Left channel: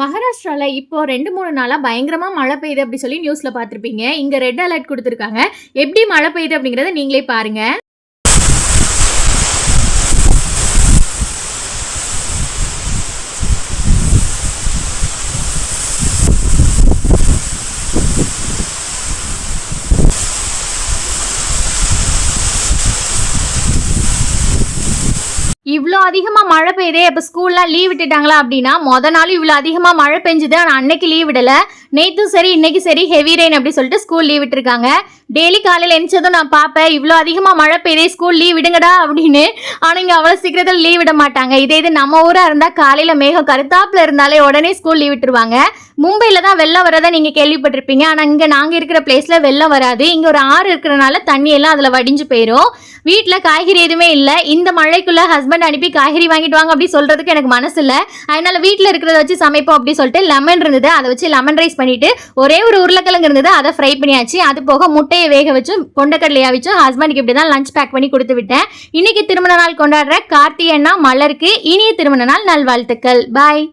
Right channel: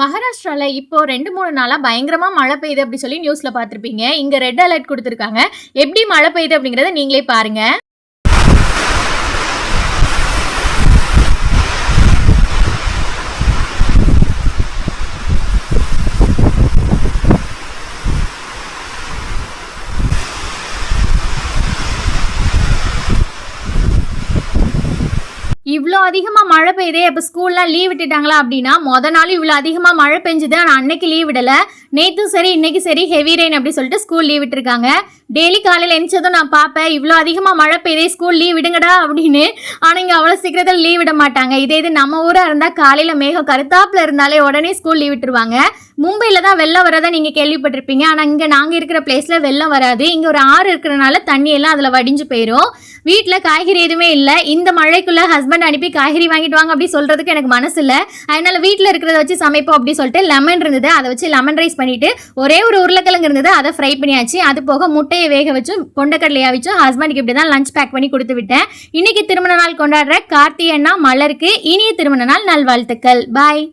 மகாராஷ்டிரால இப்போ 2, 3 நாளா பயங்கரமா மழை பெய்யுது அப்படி சொல்லி நியூஸ்ல பார்த்திருப்பீங்க. இங்க ரெட் அலர்ட் குடுத்திருக்காங்க. எப்படி மழை பெய்யுது அப்படிங்கறத நீங்களே பாருங்க. இவ்ளோ அதிகமா மழை பெய்யுதே, அப்ப ஸ்கூல்லாம் லீவ் விட்டுட்டாங்களா அப்படின்னா, நாள் இவ்ளோ அதிகமா மழை பெஞ்சுது. ஆனா அன்னைக்கு லீவ் விடல. நேத்தும் சரி இன்னைக்கு சரி ஹெவி ரெயின் அப்படி சொல்லிட்டு ஸ்கூல் லீவ் விட்டுருக்காங்க. டெய்லி காலையில் எந்திரிச்சதும் நான் பார்ப்பேன், இவ்வளோ அதிகமாக மழை பெய்யுதே ஸ்கூல் லீவ் விடுங்கடா அப்படின்னு. ஆனால் இங்கே அவ்வளோ சீக்கிரத்தில் லீவ் விட மாட்டாங்க. இது நம்ம ஊராக இருந்தால் காலையில் மேகம் கருத்தாப்பில் இருந்தாலே உடனே ஸ்கூல் லீவ் விட்டுருவாங்க. மும்பையில் தான் வெள்ளம் வரதா நீங்கள் கேள்விப்பட்டிருப்பீங்க. ஆனால் இங்கே நாங்கள் இருக்கிற பிளேஸில் வெள்ளம் வராது. இங்கே ஒரு ஆறு இருக்கிறனால தண்ணியெல்லாம் அதில் வடிஞ்சு போயிடும். வீட்டில் காய்கறி எதுவுமே இல்லை. இந்த மழைக்குள்ளே ஹஸ்பண்ட் அனுப்பி காய்கறி வாங்கிட்டு வாங்க அப்படி சொல்கிறதுக்கு எனக்கு மனசு இல்லை. அதனால் வீட்டில் இருக்கிறத வச்சு சமைப்போம் அப்படி சொல்லிட்டு லெமன் இருந்தது, அதை வச்சு லெமன் ரைஸ் பண்ணிவிட்டு ஒரே ஒரு உருளைக்கிழங்கு இருந்தது, அதை ஃப்ரை பண்ணியாச்சு. அது போக முட்டையை வேக வச்சும் கொண்டக்கடலையா வச்சும் ஹஸ்பண்டுக்கு இப்படி தான் லஞ்ச் பேக் பண்ணி கொடுத்து விட்டேன். இன்னைக்கு திருமண நாள் கொண்டாடுற கார்த்தி அண்ணா மலருக்கு இனிய திருமண நாள் நல்வாழ்த்துக்கள். பாய்.